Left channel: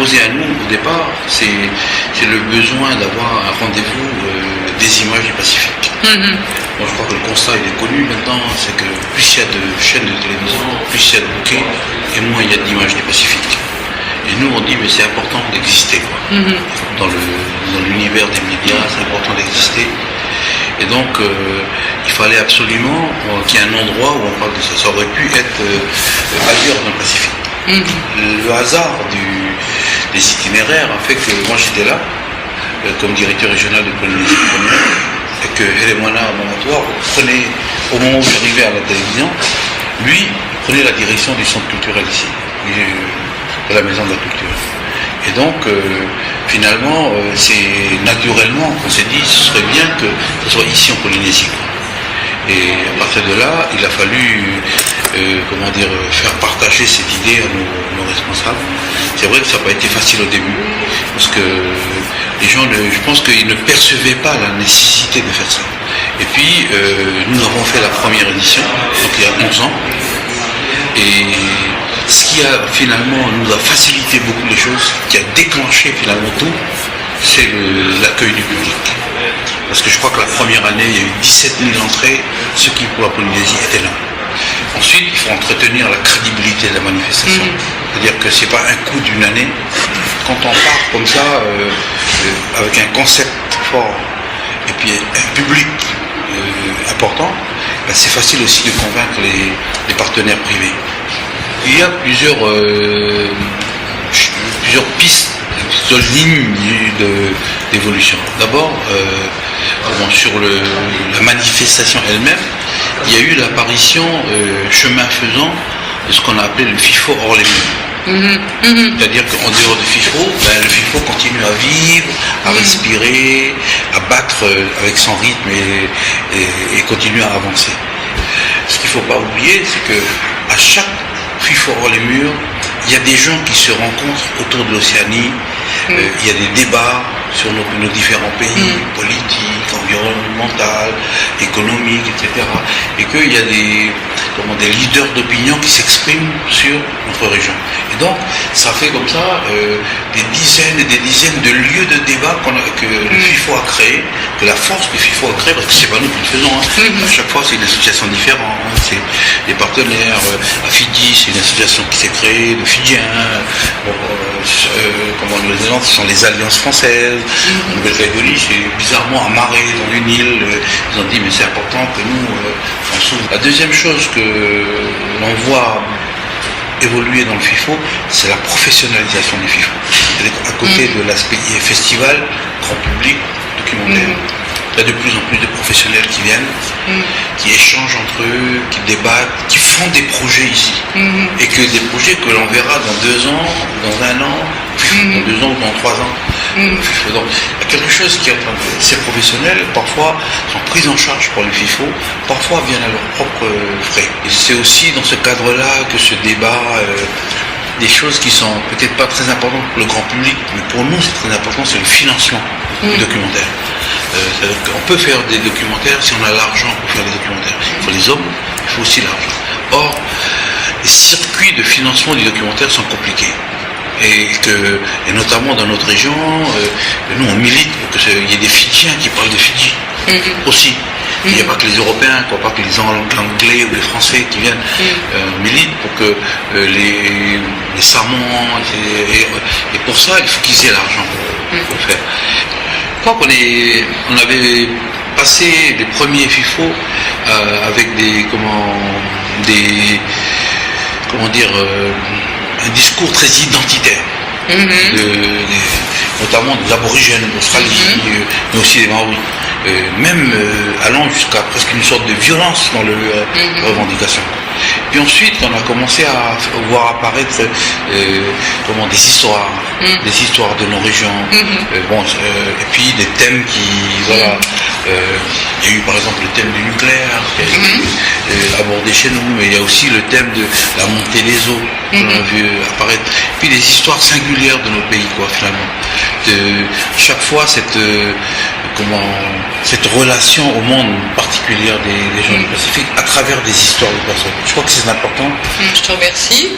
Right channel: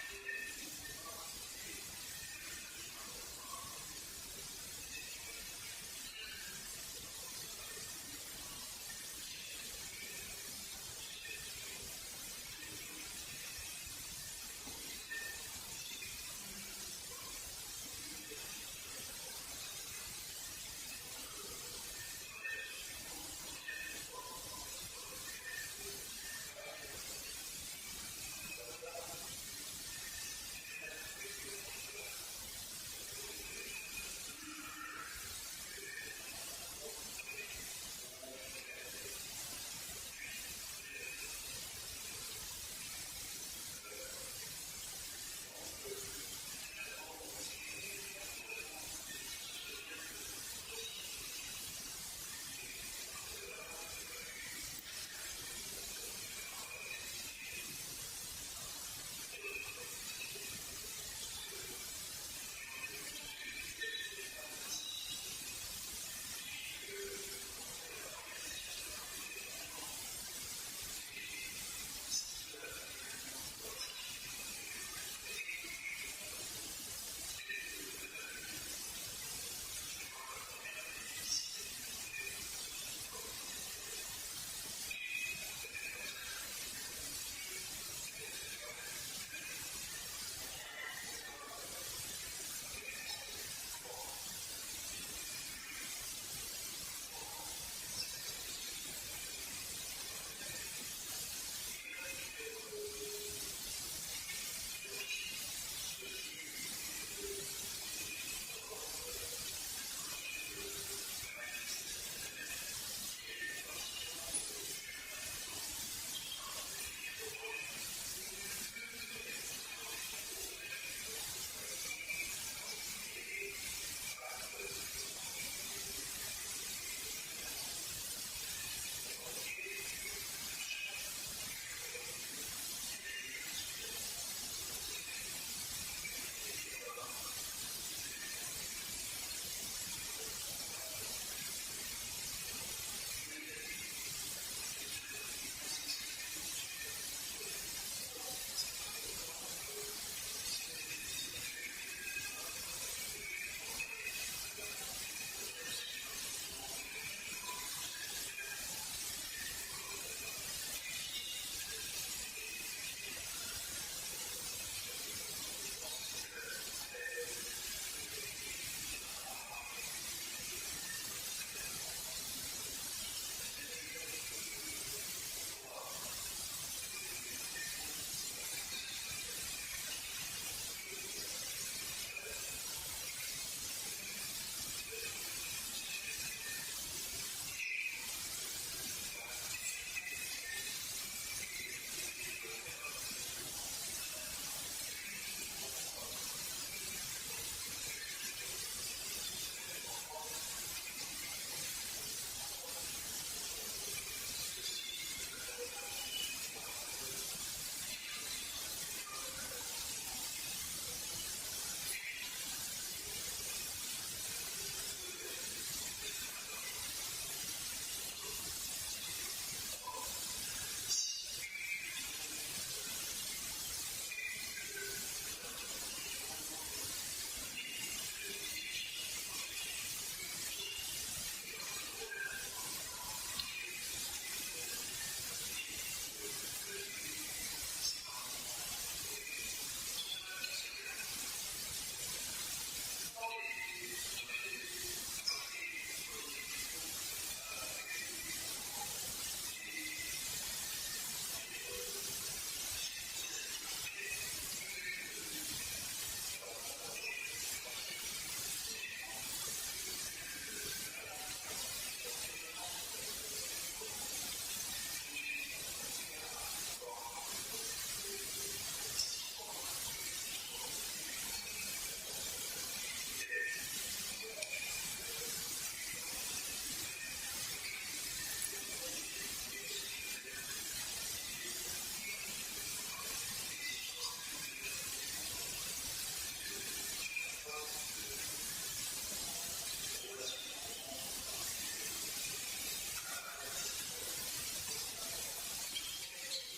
imposé à nous au départ, c'est le besoin d'avoir un rendez-vous des images du Pacifique. Bon, je crois que le constat il est connu maintenant, c'est que plus il y a de chaînes de télévision, plus il y a de bouquets, et moins il y a d'images du Pacifique. Et nous on dit mais c'est important d'exister. Dans l'univers des médias, c'est important d'exister. Et donc, il fallait absolument qu'il y ait un endroit où on parle de ça. Ça aurait pu être ailleurs dans le Pacifique. Le hasard des itinéraires a fait que moi j'étais là, comme directeur régional de Polynésie première, et que Elemana Mamatoire prenait, au moment où j'arrivais à la télévision, lui prenait la direction du centre culturel ici, de la maison de la culture. Et donc, finalement, c'est naturellement qu'on s'est dit, ce serait bien que ce soit ici en Polynésie. Et à partir de là, il a fallu, faire partager cette idée à nos responsables. C'est vrai que ça n'a pas été facile au début, parce que les gens, je pense qu'ils ne percevaient pas la nécessité de faire ça. Et puis, nous avons fait la première édition, donc il y a 11 ans, et ce qui a finalement nous a facilité beaucoup les choses, qui a déclenché finalement tout, c'est l'accueil du public. Parce que je crois que la première année, il y a eu 17 000 entrées, ce qui pour la Polynésie était là. Ensuite, il faut entretenir la crédibilité de la manifestation. C'est-à-dire que ce n'est pas un coup d'une année. Quand on part comme ça, avec un concept fort, et puis un public important, ben c'est facile aussi de convaincre les partenaires privés. Il y a plusieurs pistes, plusieurs lignes d'évolution. D'abord, sur la manifestation elle-même, il y a eu l'apparition, chemin faisant, de ce qu'on a appelé le FIFO hors les murs. C'est-à-dire qu'en dehors du FIFO, le FIFO continue à vivre, à respirer, à battre avec son rythme et continue à avancer. Ce qu'il ne faut pas oublier, c'est qu'à chaque FIFO hors les murs, il y a des gens qui se rencontrent autour de l'Océanie, il y a des débats sur nos différents pays, politiques, environnementaux, économiques, etc. Et qu'il y a des leaders d'opinion qui s'expriment sur notre région. Et donc, ça fait comme ça des dizaines et des dizaines de lieux de débat que le FIFO a créé, que la force du FIFO a créé, parce que c'est pas nous qui le faisons. À chaque fois, c'est une association différente, c'est des partenaires. À Fidji, c'est une association qui s'est créée de Fidjiens. Comme en Nouvelle-Zélande, ce sont les alliances françaises. En Nouvelle-Calédonie, c'est bizarrement amarré dans une île. Ils ont dit, mais c'est important que nous, on s'ouvre. La deuxième chose que l'on voit évoluer dans le FIFO, c'est la professionnalisation du FIFO. C'est-à-dire qu'à côté de l'aspect festival, grand public, documentaire, il y a de plus en plus de professionnels qui viennent, qui échangent entre eux, qui débattent, qui font des projets ici. Et que des projets que l'on verra dans 2 ans, dans 1 an, dans 2 ans ou dans 3 ans. Donc, il y a quelque chose qui est en train de... Ces professionnels, parfois, sont pris en charge par le FIFO, parfois viennent à leurs propres frais. Et c'est aussi dans ce cadre-là que ce débat... des choses qui sont peut-être pas très importantes pour le grand public, mais pour nous c'est très important, c'est le financement du documentaire. On peut faire des documentaires si on a l'argent pour faire des documentaires. Il faut les hommes, il faut aussi l'argent. Or, les circuits de financement du documentaire sont compliqués. Et notamment dans notre région, nous on milite pour qu'il y ait des Fidjiens qui parlent de Fidji aussi. Il n'y a pas que les Européens, pas que les Anglais ou les Français qui viennent militent pour que les Samoans, et pour ça il faut qu'ils aient l'argent pour le faire. Je crois qu'on avait passé les premiers FIFO avec un discours très identitaire, notamment des aborigènes d'Australie, mais aussi des Maoris. Même allant jusqu'à presque une sorte de violence dans les revendications. Puis ensuite, on a commencé à voir apparaître des histoires de nos régions, et puis des thèmes qui, il y a eu par exemple le thème du nucléaire qui a été abordé chez nous, mais il y a aussi le thème de la montée des eaux qu'on a vu apparaître, puis des histoires singulières de nos pays, finalement. Chaque fois, cette relation au monde particulière des gens du Pacifique à travers des histoires de personnes. Je crois que c'est important. Je te remercie.